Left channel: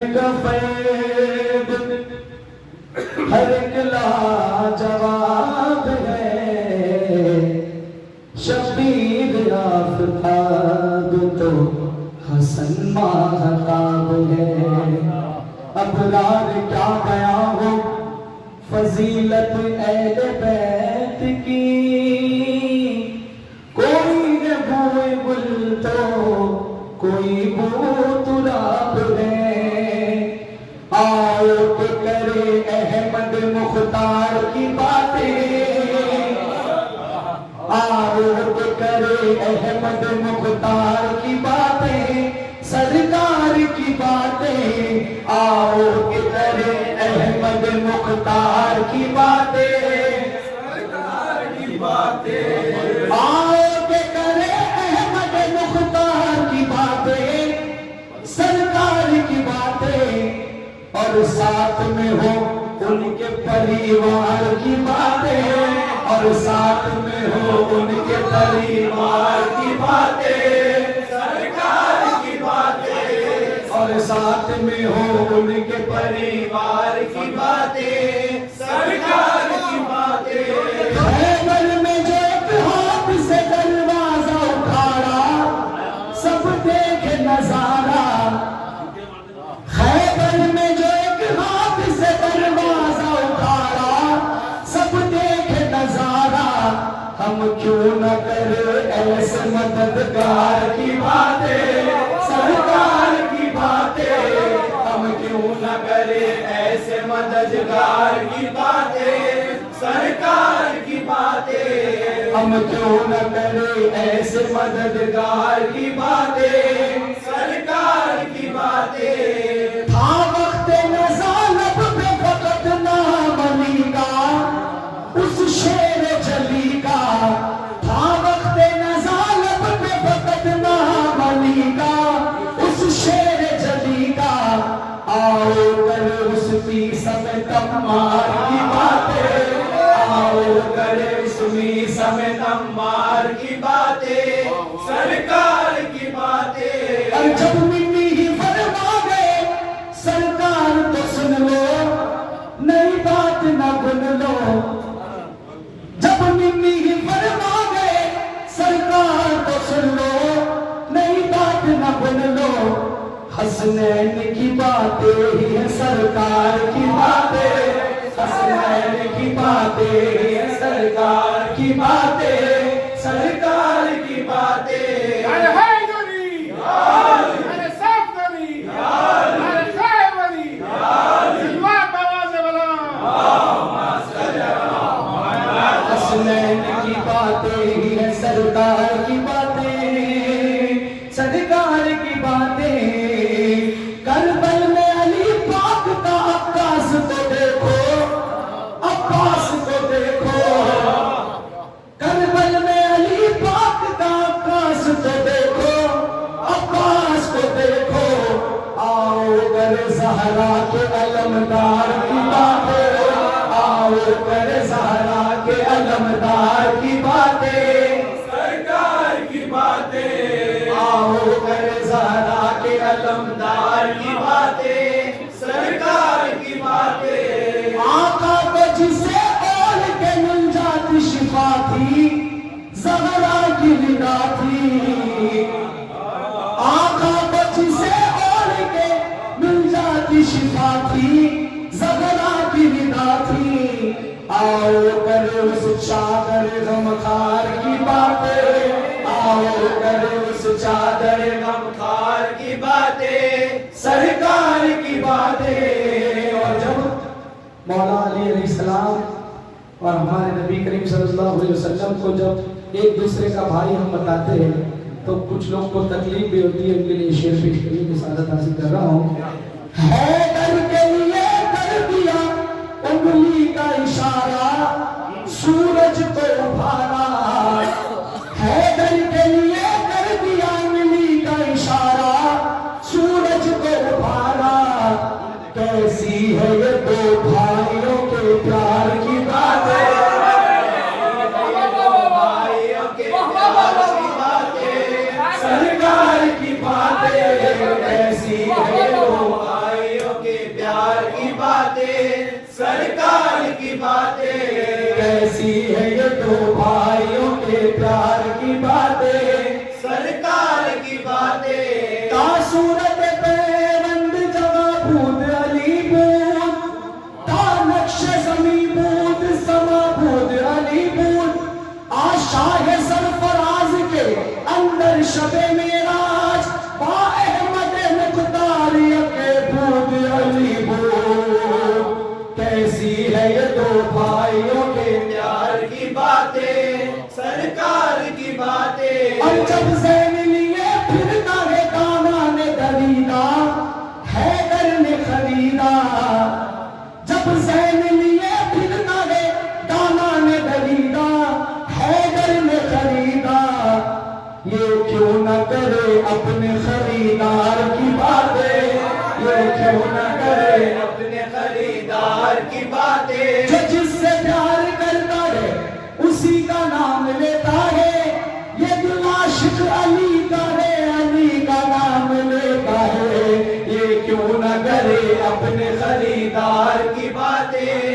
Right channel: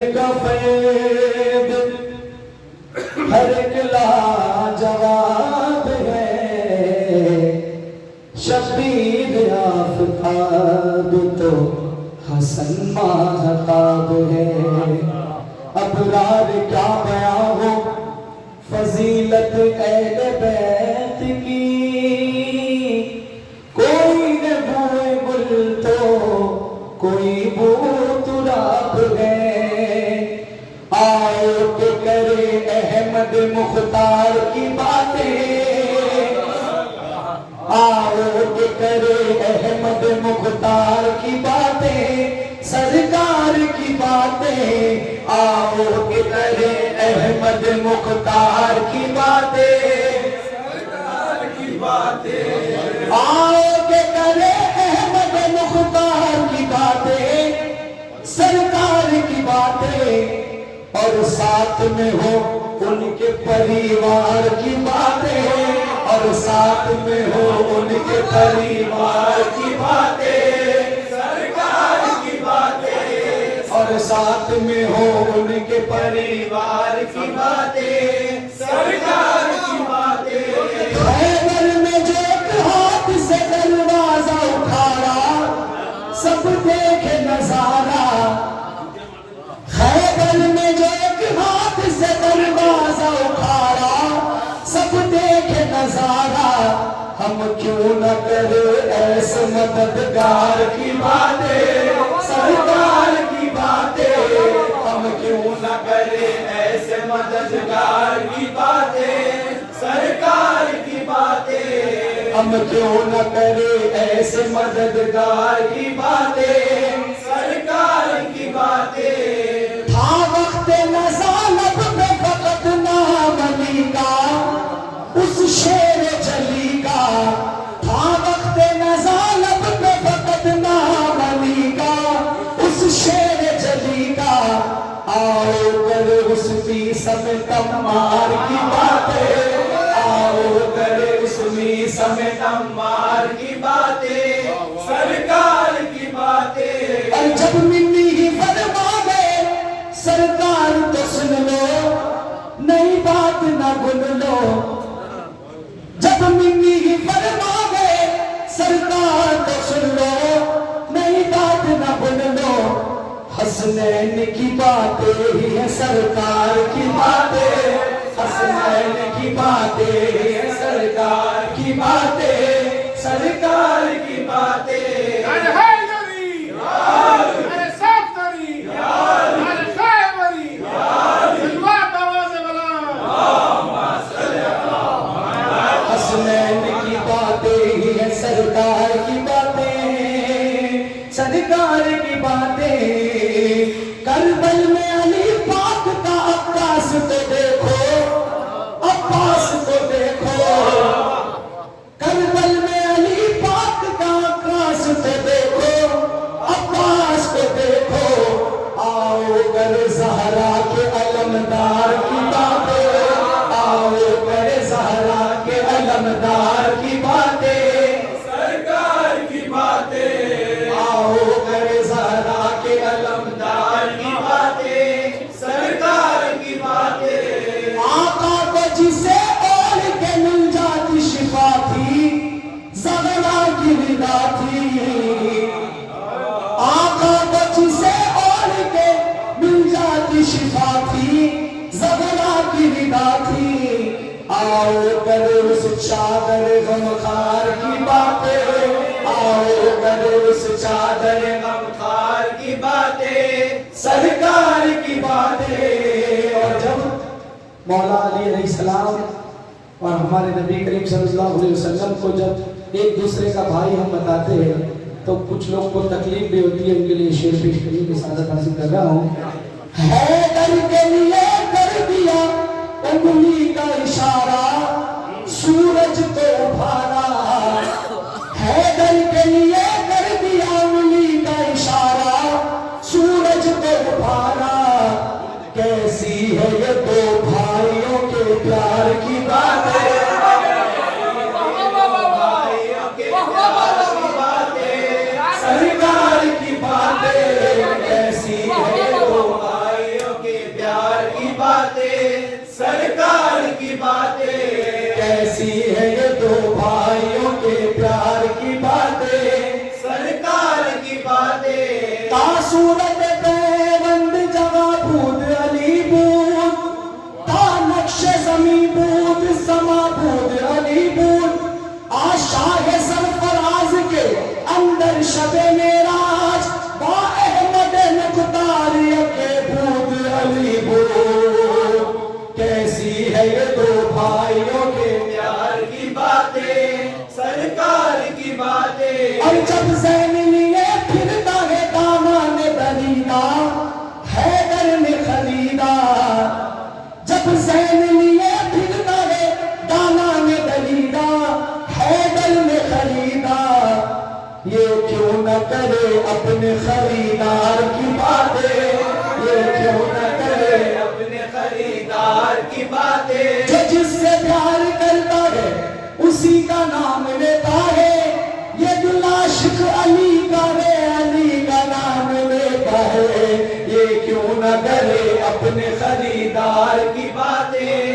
Fab हर एक लाजवाब है, शबीर आफताब तो हसन महताब है। अबरार क्या बयां हो फजीलत अहले बैत की, कोई न बूए गुल तो कोई बू तुराब है। आओ के करे अहमद मुख्तार की बातें, आओ के करे अहमद मुख्तार की बातें, सरकार की बातें। आओ के करे अहमद मुख्तार की बातें, सरकार की बातें। आओ के करे अहमद मुख्तार की बातें, सरकार की बातें। और साथ में हो उनके परिवार की बातें, और साथ में हो उनके परिवार की बातें, सरकार की बातें। और साथ में हो उनके परिवार की बातें, सरकार की बातें। खैबर में जो एक हाथ से दरवाजा उखाड़ा, सब देखे नजारा। खैबर में जो एक हाथ से दरवाजा उखाड़ा, सब देखे नजारा। हम क्यों न करें ऐसे मददगार की बातें, सरकार की बातें। हम क्यों न करें ऐसे मददगार की बातें, सरकार की बातें। हम क्यों न करें ऐसे मददगार की बातें, सरकार की बातें। था वक्त नज़ानब पे फकत नाम अली का, उस शेर जली का। था वक्त नज़ानब पे फकत नाम अली का, उस शेर जली का। आओ कर उसकी समय तम्मार की बातें, आओ कर उसकी समय तम्मार की बातें, सरकार की बातें। और जब मिन्नी ही फरमा गए सरकार तो सुन लो, नई बात ना भूल लो। जब मिन्नी ही फरमा गए सरकार तो सुन लो, नई बात ना भूल लो। हसनैन की बातें ही है सरकार की बातें, हसनैन की बातें ही है सरकार की बातें, सरकार की बातें। हसनैन की बातें ही है सरकार की बातें, सरकार की बातें। करबल में अली पाक का अब्बास को देखो, अब्बास को देखो। करबल में अली पाक का अब्बास को देखो, अब्बास को देखो। आओ कर ज़हरा के अलमदार की बातें, आओ कर ज़हरा के अलमदार की बातें, सरकार की बातें। आओ कर ज़हरा के अलमदार की बातें, सरकार की बातें। आका को जिसे और के मिल जाती शिफा थी, ज़हरा की विदा थी। आका को जिसे और के मिल जाती शिफा थी, ज़हरा की विदा थी। आओ कर उस चादर गमखार की बातें, आओ कर उस चादर गमखार की बातें, सरकार की बातें। और जब मौला अली अलैहिस्सलाम और हमारे नबी करीम सल्लल्लाहु अलैहि वसल्लम को जब एक दूसरे का भाई हम बताते हैं, तो कुछ लोगों को तकलीफ भी होती है। उनके लिए शेर पेश करने की सादत हासिल कर रहा हूँ। हैदर के लिए कर दिया उंगली का इशारा, सूरज को उभारा। हैदर के लिए कर दिया उंगली का इशारा, सूरज को उभारा। कैसी है ये दो भाइयों के प्यार की बातें, भाइयों के प्यार की बातें, सरकार की बातें। कैसी है दलीदार, जब जैन लिए फिरता है दाना ने दलीदा, हैदर ने खरीदा, ये क्यों न करे अपने खरीदार की बातें, ये क्यों न करे अपने खरीदार की बातें। जो जिससे प्यार करता है उसी का नाम लेता है, ये दिल आशिक अली का रे अली का नाम लेता है, ये क्यों न करे अपने खरीदार की बातें।